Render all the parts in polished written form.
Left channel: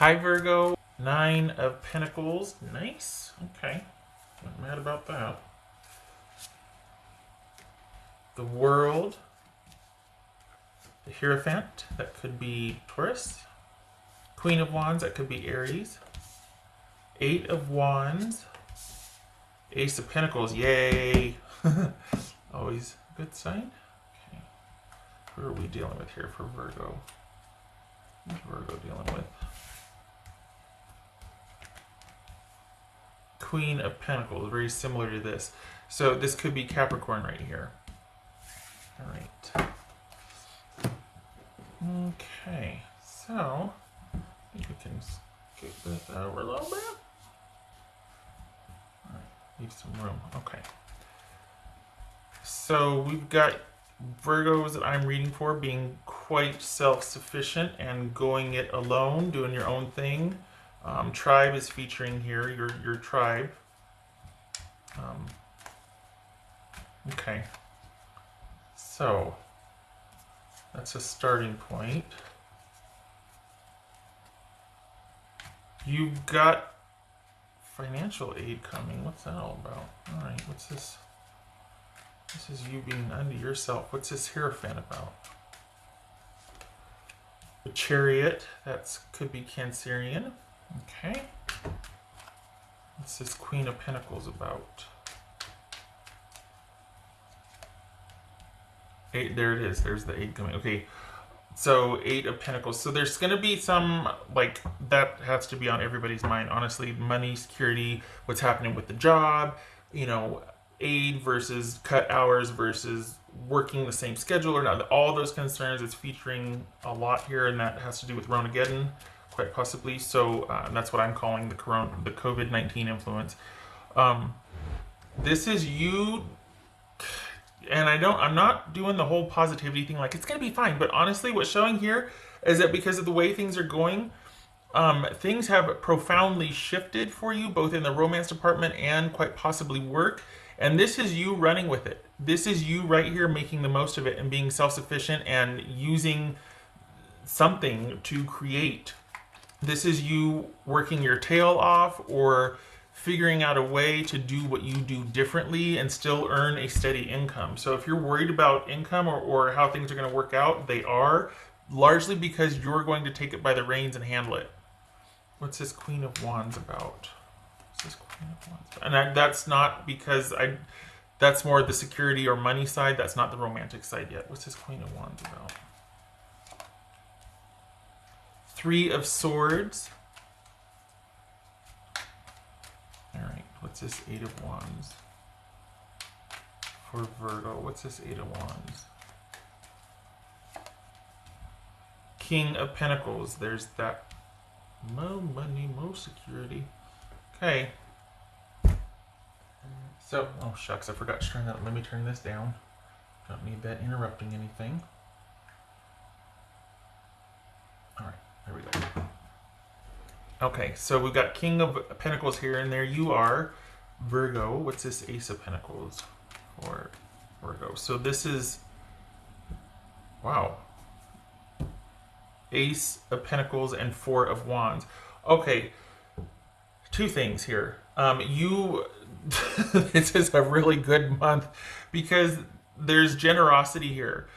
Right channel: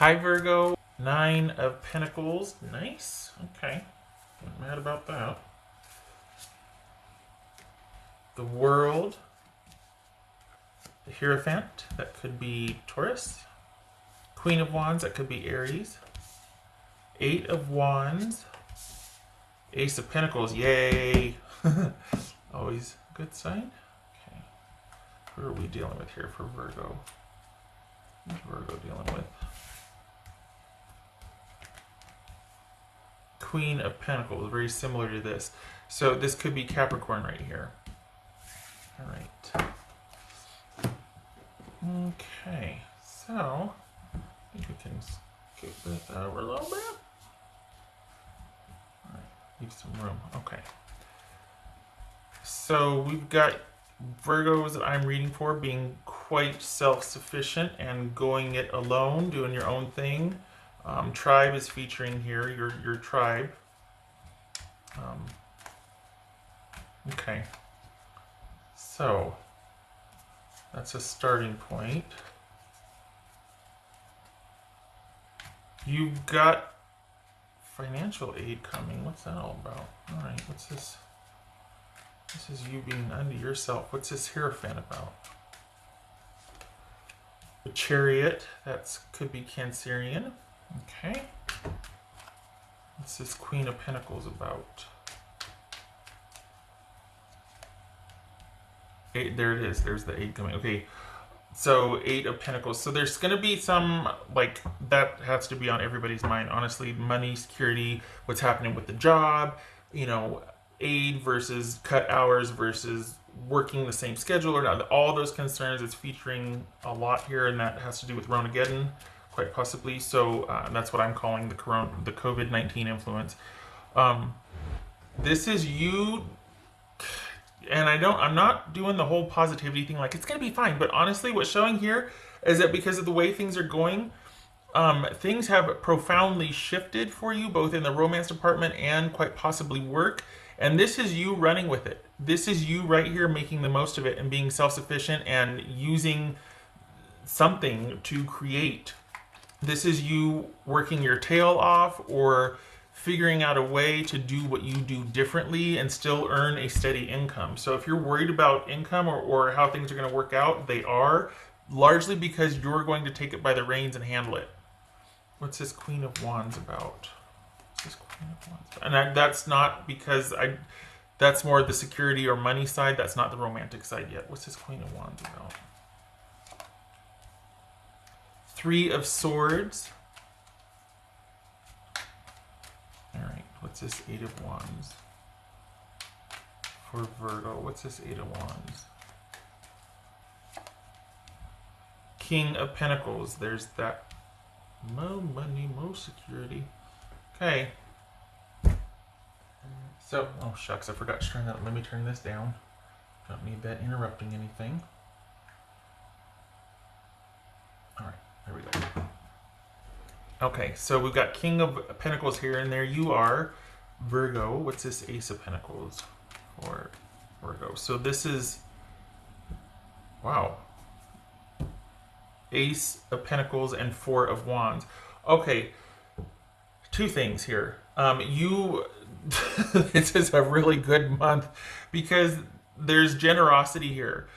Hi Virgo, Nine of Pentacles. Nice. Okay. Not mad about that. The World. The Hierophant. That could be Taurus. Queen of Wands. That could be Aries. Eight of Wands. Ace of Pentacles. Yay. Always a good sign. Okay. Who are we dealing with here for Virgo? Who's Virgo dealing with? Queen of Pentacles, very similar to this. So this could be Capricorn right here. All right. Okay, so we can skip that over a little bit. All right, leave some room. Okay. So we've got Virgos that I'm reading for being quite self-sufficient and going it alone, doing your own thing. Tribe is featuring here, your tribe. Okay. So, that's a starting point. You've got financial aid coming. What's that all about? Alright, what's this? This is you being unto yourself. What's this Hierophant about? The Chariot, that could be Cancerian. Okay. What's this Queen of Pentacles about? Eight, there it is. There's the eight coming. Okay. So, Eight of Pentacles. So there's going to be some, like, that has to be on everybody's mind. Honestly, money, security, what's happening with the job, you know, aid versus cut hours versus working the same schedule or not. All those concerns is featuring a lot here, and that has to do with Ronageddon, quite possibly. So that's what I'm calling the COVID-19 influence. This is you, and I'm not doing the whole positivity thing like it's gonna be fine, but honestly what's showing here is that because of the way things are going, things have profoundly shifted for you, both in the romance department and quite possibly work. And this is you running with it. This is you right here making the most of it and being self-sufficient and using something to create. This is you working your tail off or figuring out a way to do what you do differently and still earn a steady income. So if you're worried about income or how things are going to work out, they are, largely because you're going to take it by the reins and handle it. What's this Queen of Wands about? And that's not because that's more the security or money side. That's not the romantic side yet. What's this Queen of Wands about? Three of Swords. All right. What's this Eight of Wands? For Virgo, what's this Eight of Wands? King of Pentacles. There's that. No money, no security. Okay. So, oh shucks, I forgot to turn that. Let me turn this down. Don't need that interrupting anything. Alright, there we go. Okay, so we've got King of Pentacles here, and there you are, Virgo. What's this Ace of Pentacles for Virgo? So this is, wow. Ace of Pentacles and Four of Wands. Okay, two things here. This is a really good month because there's generosity here,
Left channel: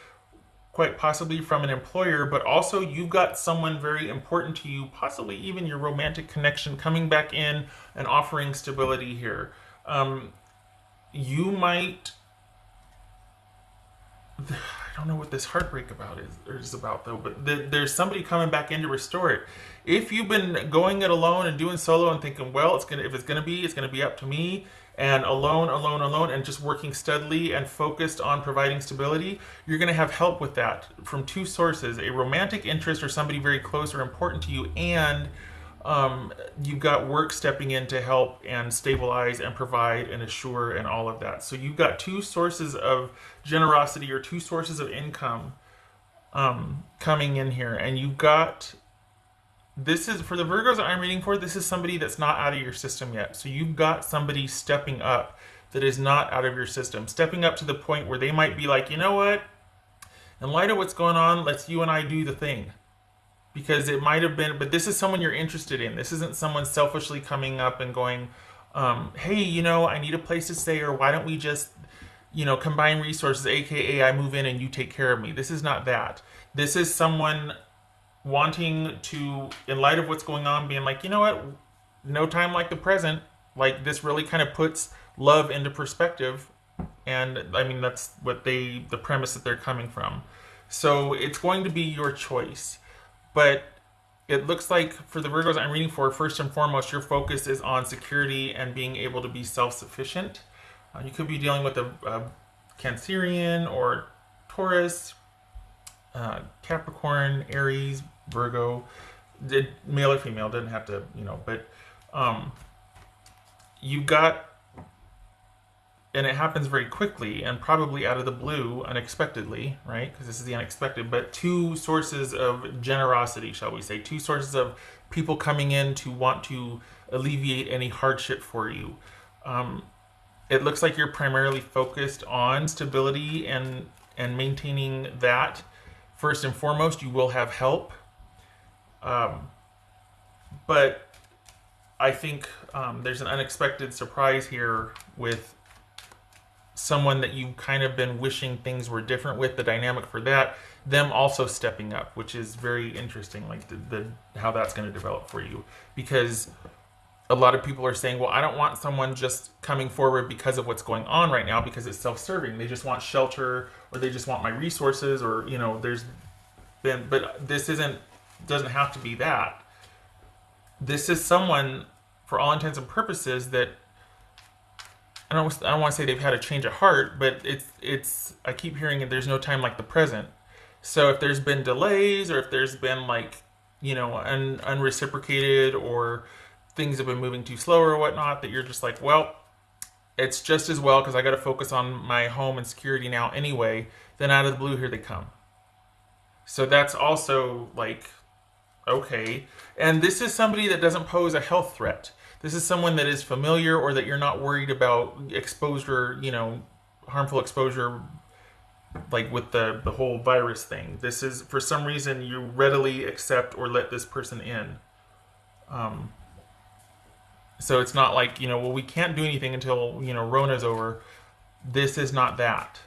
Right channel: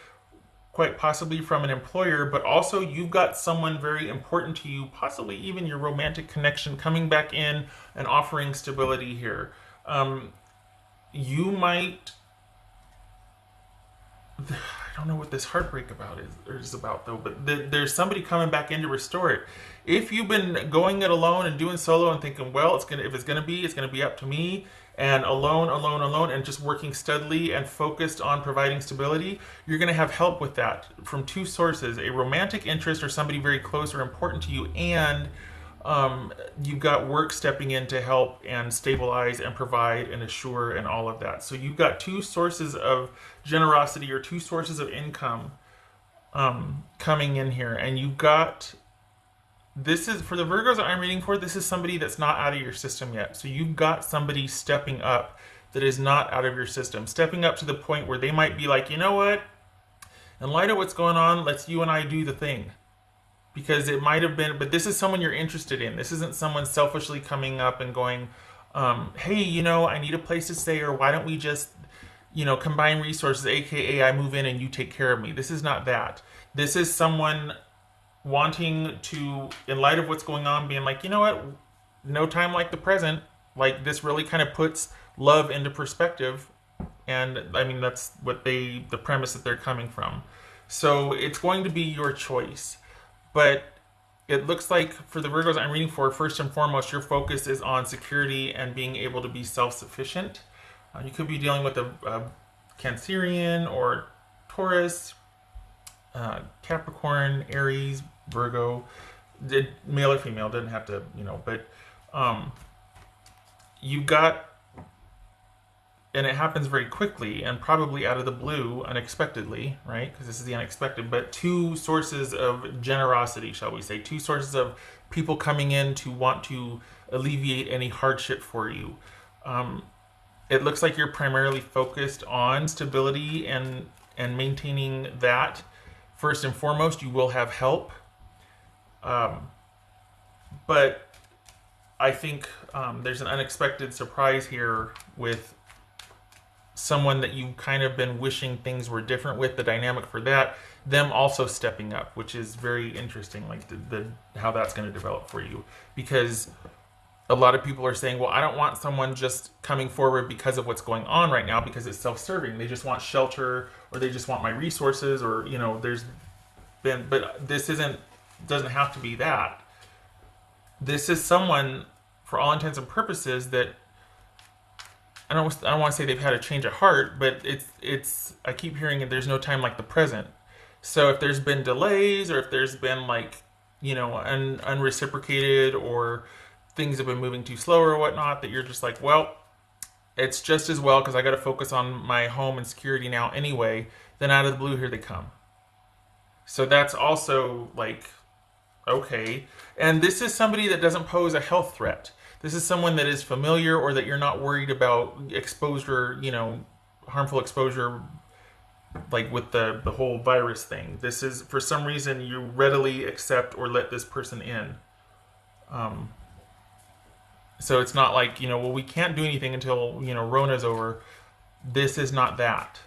quite possibly from an employer, but also you've got someone very important to you, possibly even your romantic connection, coming back in and offering stability here. You might, I don't know what this heartbreak is about though, but there's somebody coming back in to restore it. If you've been going it alone and doing solo and thinking, well, if it's gonna be up to me, and alone, and just working steadily and focused on providing stability, you're gonna have help with that from two sources: a romantic interest or somebody very close or important to you, and you've got work stepping in to help and stabilize and provide and assure and all of that. So you've got two sources of generosity or two sources of income coming in here, and you've got, this is, for the Virgos that I'm reading for, this is somebody that's not out of your system yet. So you've got somebody stepping up that is not out of your system, stepping up to the point where they might be like, you know what, in light of what's going on, let's you and I do the thing. because it might have been, but this is someone you're interested in. This isn't someone selfishly coming up and going, hey, I need a place to stay, or why don't we just, combine resources, aka I move in and you take care of me. This is not that. This is someone wanting to, in light of what's going on, being like, you know what, no time like the present. Like, this really kind of puts love into perspective. And I mean, that's what the premise that they're coming from. So it's going to be your choice. But it looks like for the Virgos I'm reading for, first and foremost, your focus is on security and being able to be self-sufficient. You could be dealing with a Cancerian or Taurus, Capricorn, Aries, Virgo, male or female, doesn't have to, but you got, and it happens very quickly and probably out of the blue, unexpectedly, right? Because this is the unexpected, but two sources of generosity, shall we say, two sources of people coming in to want to alleviate any hardship for you. It looks like you're primarily focused on stability and maintaining that. First and foremost, you will have help. But I think there's an unexpected surprise here with someone that you've kind of been wishing things were different with, the dynamic for that, them also stepping up, which is very interesting, like the how that's going to develop for you. Because a lot of people are saying, well, I don't want someone just coming forward because of what's going on right now, because it's self-serving. They just want shelter, or they just want my resources, or, there's been, but this doesn't have to be that. This is someone, for all intents and purposes, that I don't want to say they've had a change of heart, but it's I keep hearing it, there's no time like the present. So if there's been delays, or if there's been unreciprocated, or things have been moving too slow or whatnot, that you're just like, well, it's just as well because I got to focus on my home and security now anyway. Then out of the blue, here they come. So that's also like, okay. And this is somebody that doesn't pose a health threat. This is someone that is familiar, or that you're not worried about exposure, harmful exposure, like with the whole virus thing. This is, for some reason, you readily accept or let this person in. So it's not like, well, we can't do anything until, Rona's over. This is not that.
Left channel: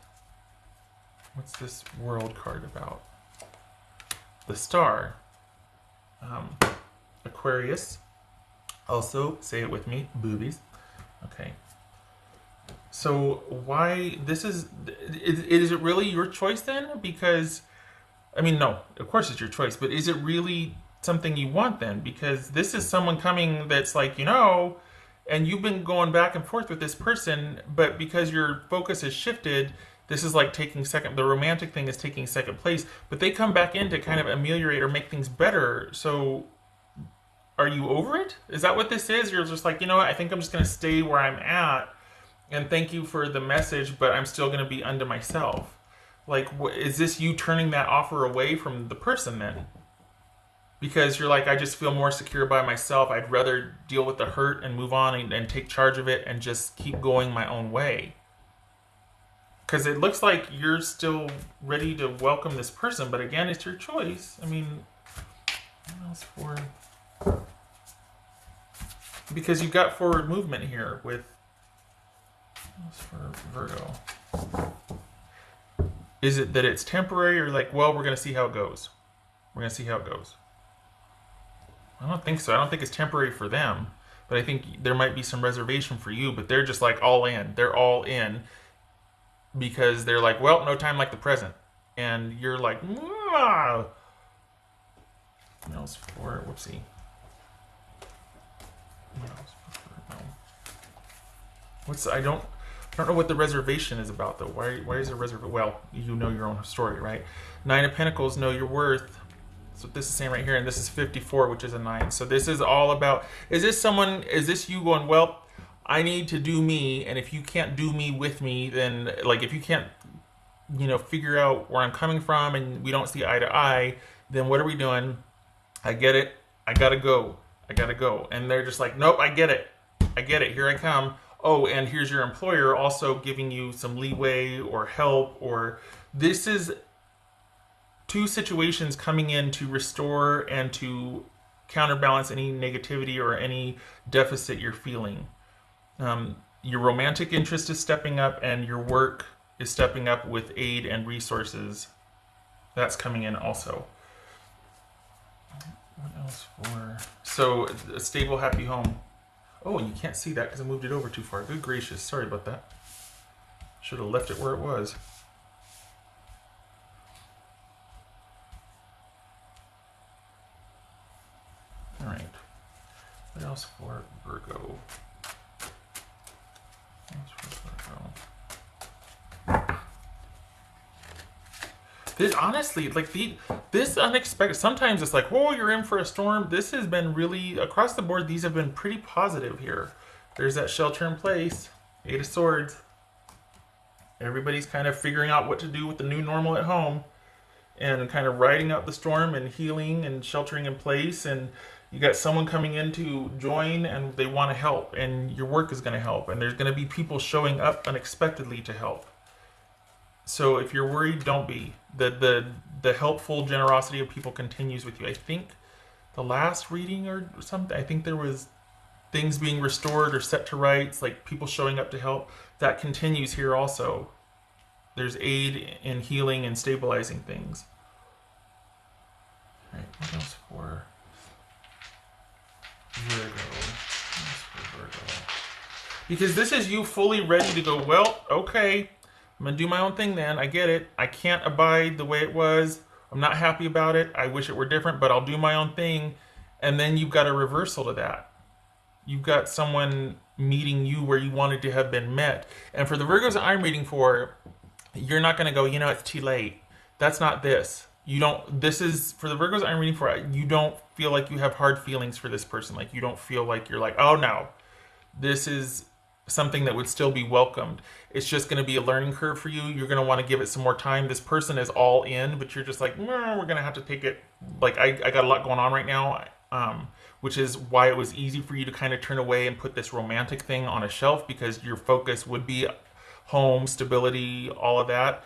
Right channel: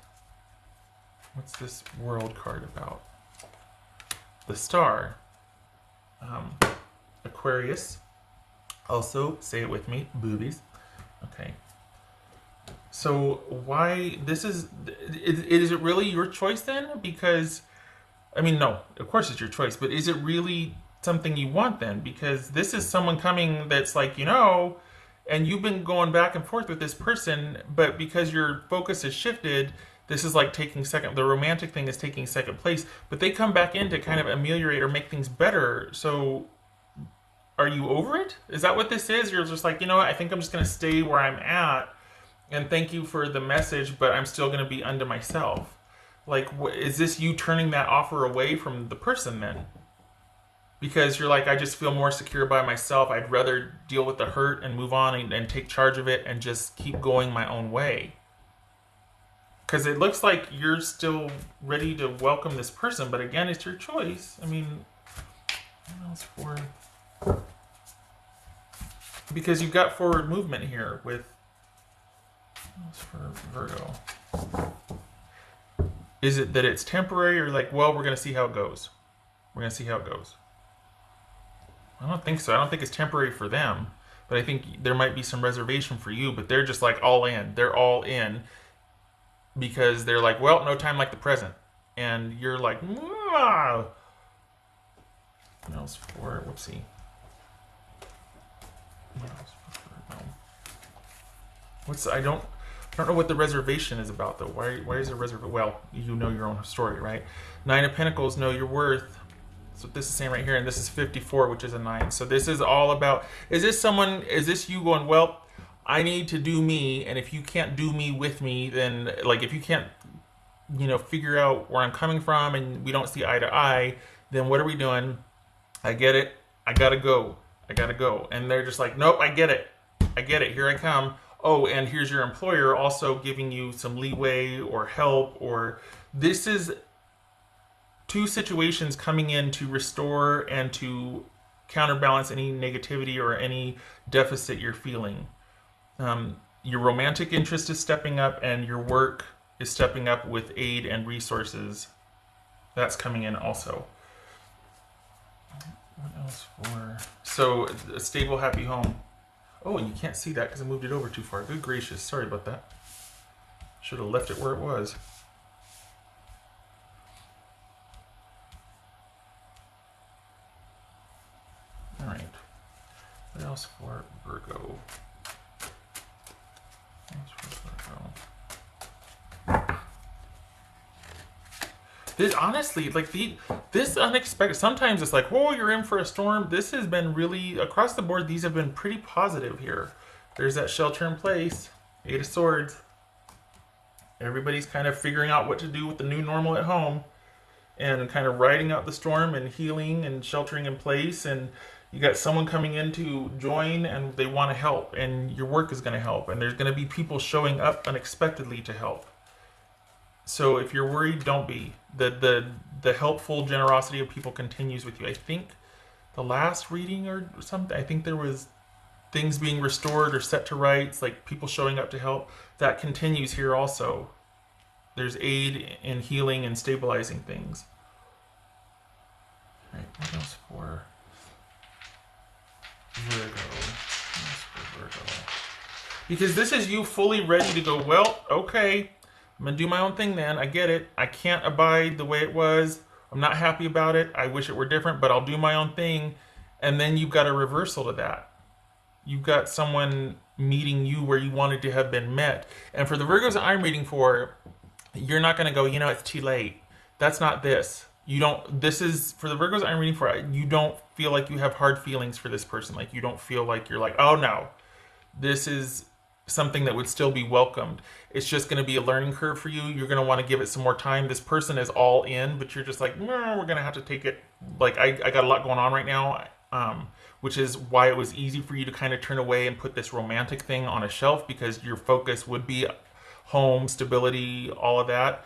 What's this world card about? The Star. Aquarius. Also, say it with me, boobies. Okay. So why, is it really your choice then? Because, I mean, no, of course it's your choice, but is it really something you want then? Because this is someone coming that's like, and you've been going back and forth with this person, but because your focus has shifted, this is like taking the romantic thing is taking second place, but they come back in to kind of ameliorate or make things better. So are you over it? Is that what this is? You're just like, what, I think I'm just going to stay where I'm at, and thank you for the message, but I'm still going to be unto myself. Like, is this you turning that offer away from the person then? Because you're like, I just feel more secure by myself. I'd rather deal with the hurt and move on and take charge of it and just keep going my own way. Because it looks like you're still ready to welcome this person, but again, it's your choice. I mean, because you've got forward movement here with Virgo. Is it that it's temporary, or like, well, we're going to see how it goes? We're going to see how it goes. I don't think so. I don't think it's temporary for them, but I think there might be some reservation for you, but they're just like all in. They're all in because they're like, well, no time like the present. And you're like, whoa. What else for? Whoopsie. I don't know what the reservation is about though. Why is there reservation? Well, you know your own story, right? Nine of Pentacles, know your worth. So this is saying right here, and this is 54, which is a 9. So this is all about, is this you going, well, I need to do me, and if you can't do me with me, then, like, if you can't, figure out where I'm coming from, and we don't see eye to eye, then what are we doing? I get it. I gotta go. And they're just like, nope, I get it. Here I come. Oh, and here's your employer also giving you some leeway or help, or this is two situations coming in to restore and to counterbalance any negativity or any deficit you're feeling. Your romantic interest is stepping up, and your work is stepping up with aid and resources. That's coming in also. What else for? So, a stable, happy home. Oh, you can't see that because I moved it over too far. Good gracious, sorry about that. Should have left it where it was. All right. What else for Virgo? This, honestly, like this unexpected. Sometimes it's like, whoa, you're in for a storm. This has been really across the board. These have been pretty positive here. There's that shelter in place. Eight of Swords. Everybody's kind of figuring out what to do with the new normal at home, and kind of riding out the storm and healing and sheltering in place. And you got someone coming in to join, and they want to help, and your work is going to help, and there's going to be people showing up unexpectedly to help. So if you're worried, don't be. The helpful generosity of people continues with you. I think the last reading or something, I think there was things being restored or set to rights, like people showing up to help. That continues here also. There's aid in healing and stabilizing things. For Virgo. Because this is you fully ready to go, well, okay, I'm going to do my own thing then. I get it. I can't abide the way it was. I'm not happy about it. I wish it were different, but I'll do my own thing. And then you've got a reversal to that. You've got someone meeting you where you wanted to have been met. And for the Virgos that I'm reading for, you're not going to go, it's too late. That's not this. You don't, this is, for the Virgos I'm reading for, you don't feel like you have hard feelings for this person. Like, you don't feel like you're like, oh no, this is something that would still be welcomed. It's just going to be a learning curve for you. You're going to want to give it some more time. This person is all in, but you're just like, we're going to have to take it. Like, I got a lot going on right now, which is why it was easy for you to kind of turn away and put this romantic thing on a shelf, because your focus would be home, stability, all of that.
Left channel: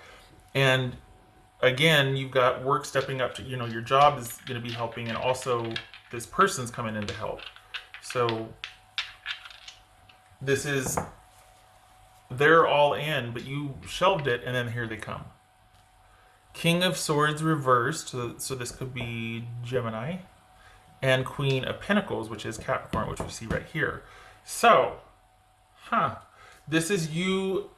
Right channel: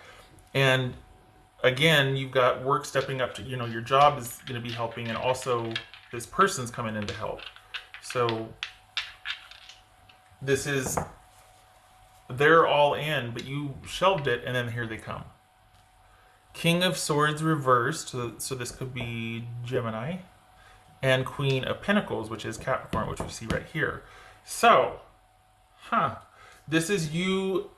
And again, you've got work stepping up to, your job is going to be helping, and also this person's coming in to help. So this is, they're all in, but you shelved it, and then here they come. King of Swords reversed, so this could be Gemini, and Queen of Pentacles, which is Capricorn, which we see right here. So, this is you,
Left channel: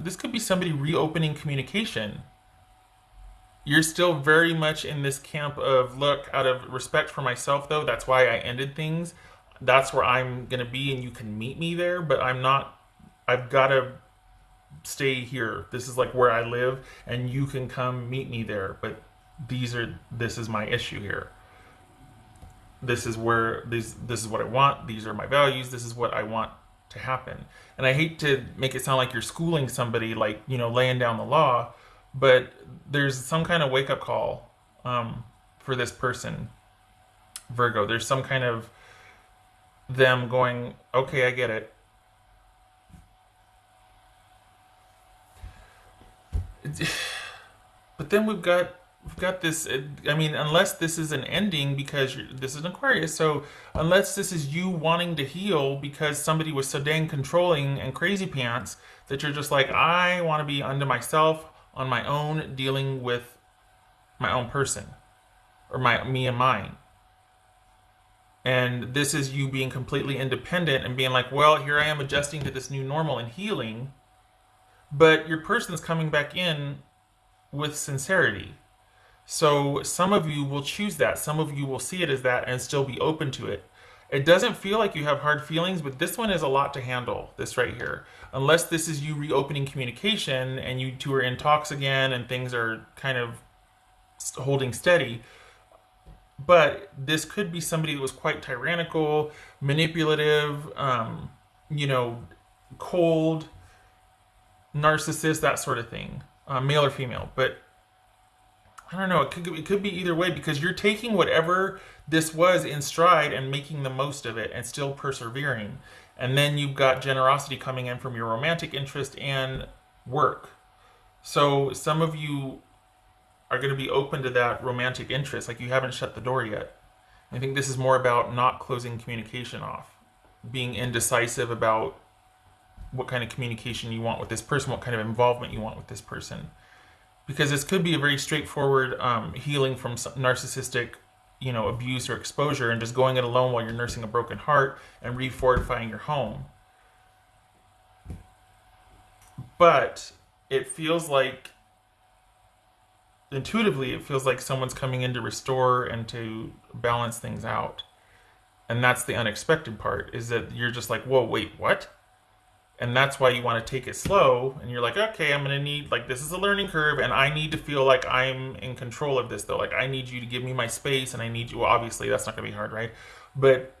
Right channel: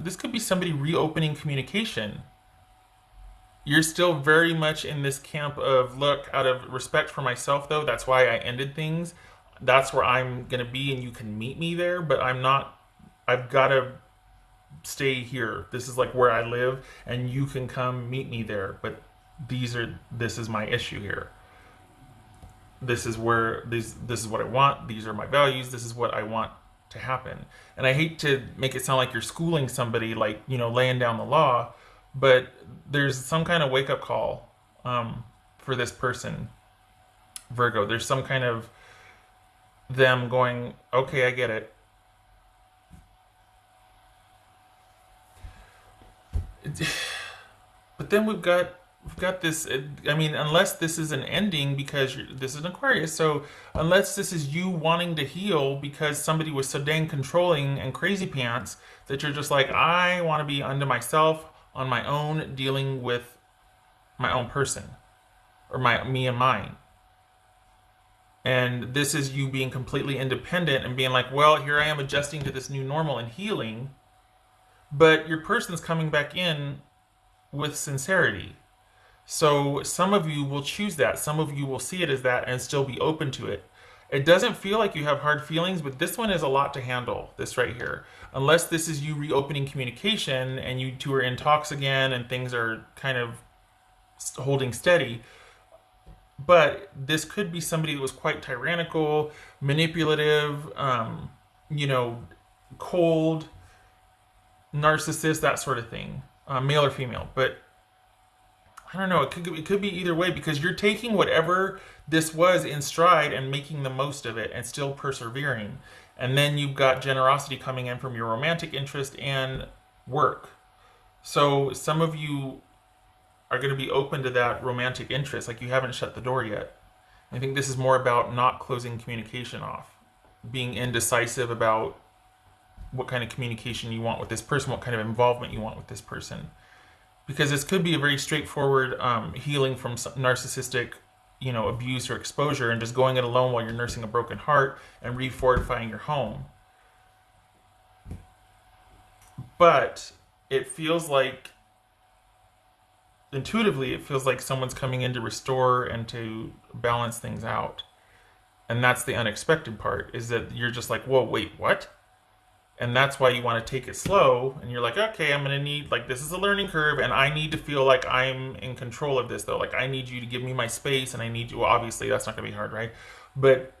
this could be somebody reopening communication. You're still very much in this camp of, look, out of respect for myself, though, that's why I ended things. That's where I'm going to be, and you can meet me there, but I'm not, I've got to stay here. This is like where I live, and you can come meet me there, but this is my issue here. This is where, this is what I want. These are my values. This is what I want to happen. And I hate to make it sound like you're schooling somebody, like, laying down the law, but there's some kind of wake-up call for this person, Virgo. There's some kind of them going, okay, I get it. But then we've got this, unless this is an ending, because this is an Aquarius, so unless this is you wanting to heal because somebody was so dang controlling and crazy pants that you're just like, I want to be unto myself, on my own, dealing with my own person, or me and mine. And this is you being completely independent and being like, well, here I am adjusting to this new normal and healing. But your person's coming back in with sincerity. So some of you will choose that. Some of you will see it as that and still be open to it. It doesn't feel like you have hard feelings, but this one is a lot to handle, this right here. Unless this is you reopening communication and you two are in talks again and things are kind of holding steady. But this could be somebody that was quite tyrannical, manipulative, cold, narcissist, that sort of thing, male or female. But I don't know, it could be either way, because you're taking whatever this was in stride and making the most of it and still persevering. And then you've got generosity coming in from your romantic interest and work. So some of you are going to be open to that romantic interest. Like, you haven't shut the door yet. I think this is more about not closing communication off, being indecisive about what kind of communication you want with this person, what kind of involvement you want with this person. Because this could be a very straightforward healing from some narcissistic, abuse or exposure, and just going it alone while you're nursing a broken heart and refortifying your home. But it feels like, intuitively, it feels like someone's coming in to restore and to balance things out. And that's the unexpected part, is that you're just like, whoa, wait, what? And that's why you want to take it slow. And you're like, okay, I'm going to need, like, this is a learning curve, and I need to feel like I'm in control of this, though. Like, I need you to give me my space, and I need you, well, obviously, that's not going to be hard, right? But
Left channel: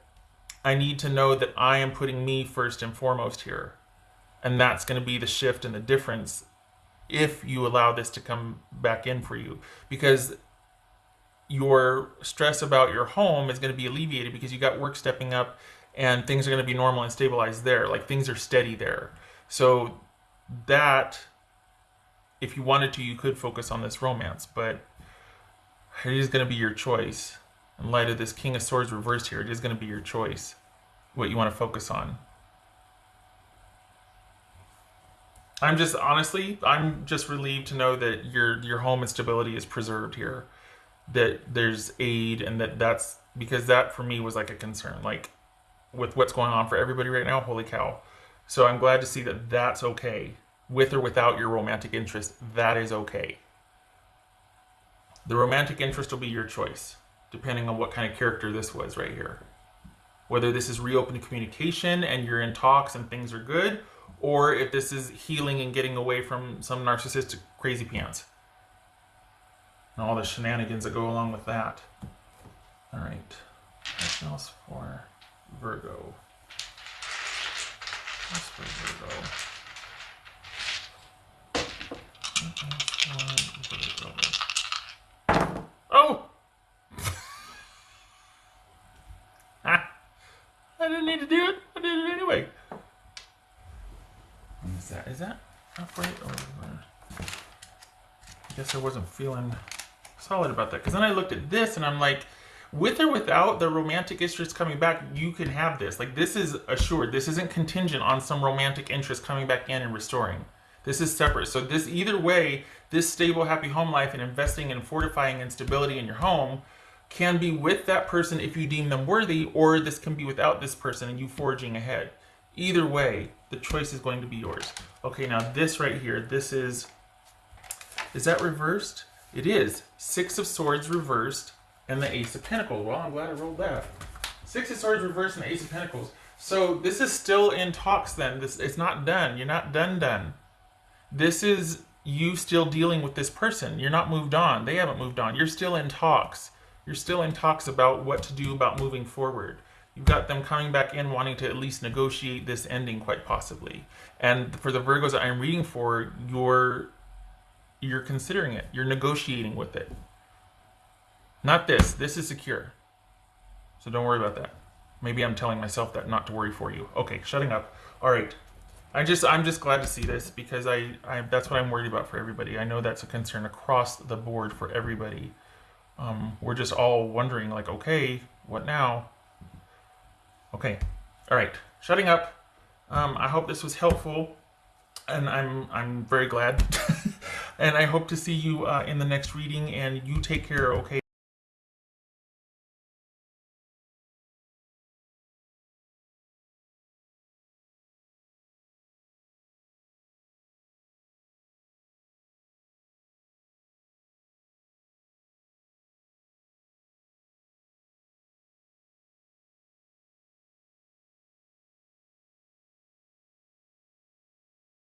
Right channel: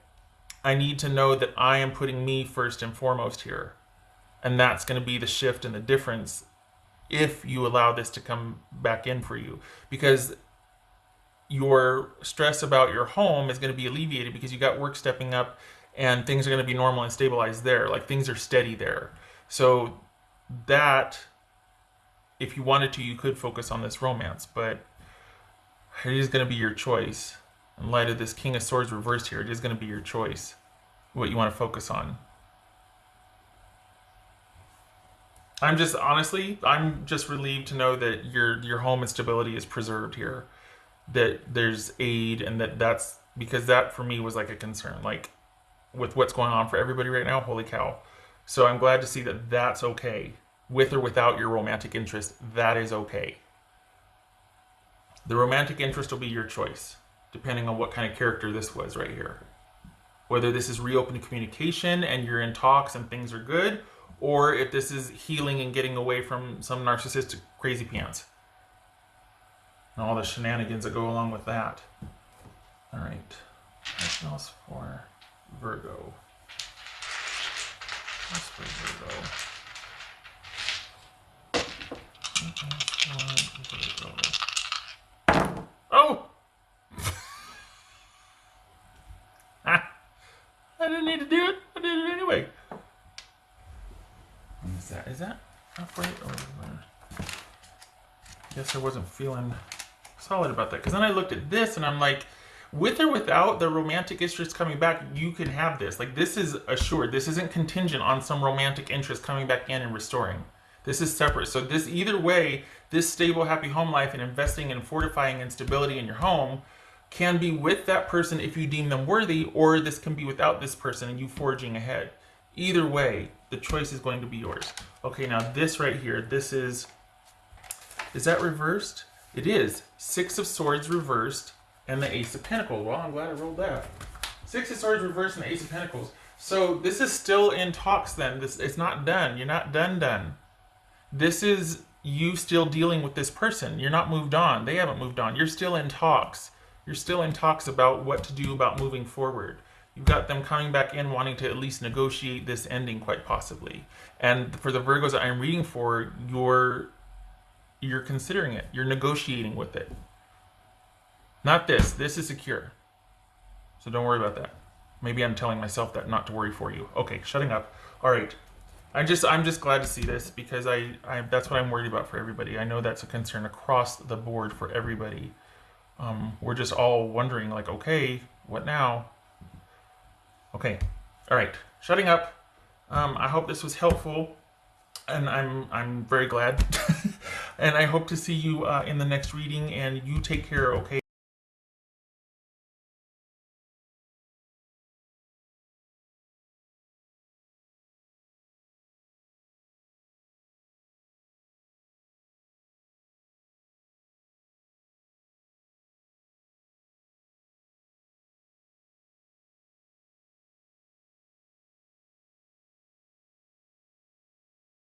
I need to know that I am putting me first and foremost here. And that's going to be the shift and the difference if you allow this to come back in for you. Because your stress about your home is going to be alleviated because you got work stepping up and things are going to be normal and stabilized there. Like, things are steady there. So that, if you wanted to, you could focus on this romance, but it is going to be your choice. In light of this King of Swords reversed here, it is going to be your choice what you want to focus on. I'm just relieved to know that your home and stability is preserved here. That there's aid, and that's because that for me was like a concern. Like, with what's going on for everybody right now, holy cow. So I'm glad to see that that's okay. With or without your romantic interest, that is okay. The romantic interest will be your choice, depending on what kind of character this was right here. Whether this is reopened communication and you're in talks and things are good, or if this is healing and getting away from some narcissistic crazy pants. And all the shenanigans that go along with that. All right. That goes for Virgo. That's for Virgo. Oh! I didn't need to do it. I did it anyway. Is that upright? Or I guess I wasn't feeling solid about that. Because then I looked at this and I'm like, with or without the romantic interest coming back, you can have this. Like, this is assured. This isn't contingent on some romantic interest coming back in and restoring. This is separate. So this, either way, this stable, happy home life and investing and fortifying and stability in your home can be with that person if you deem them worthy, or this can be without this person and you forging ahead. Either way, the choice is going to be yours. Okay, now this right here, this is that reversed? It is. 6 of Swords reversed and the Ace of Pentacles. Well, I'm glad I rolled that. 6 of Swords reversed and the Ace of Pentacles. So this is still in talks then. It's not done. You're not done. This is you still dealing with this person. You're not moved on. They haven't moved on. You're still in talks. You're still in talks about what to do about moving forward. You've got them coming back in wanting to at least negotiate this ending, quite possibly. And for the Virgos that I'm reading for, you're considering it. You're negotiating with it. Not this. This is secure. So don't worry about that. Maybe I'm telling myself that not to worry for you. Okay, shutting up. All right. I'm just glad to see this, because that's what I'm worried about for everybody. I know that's a concern across the board for everybody. We're just all wondering, like, okay, what now? Okay, all right, shutting up. I hope this was helpful, and I'm very glad. And I hope to see you in the next reading, and you take care, okay?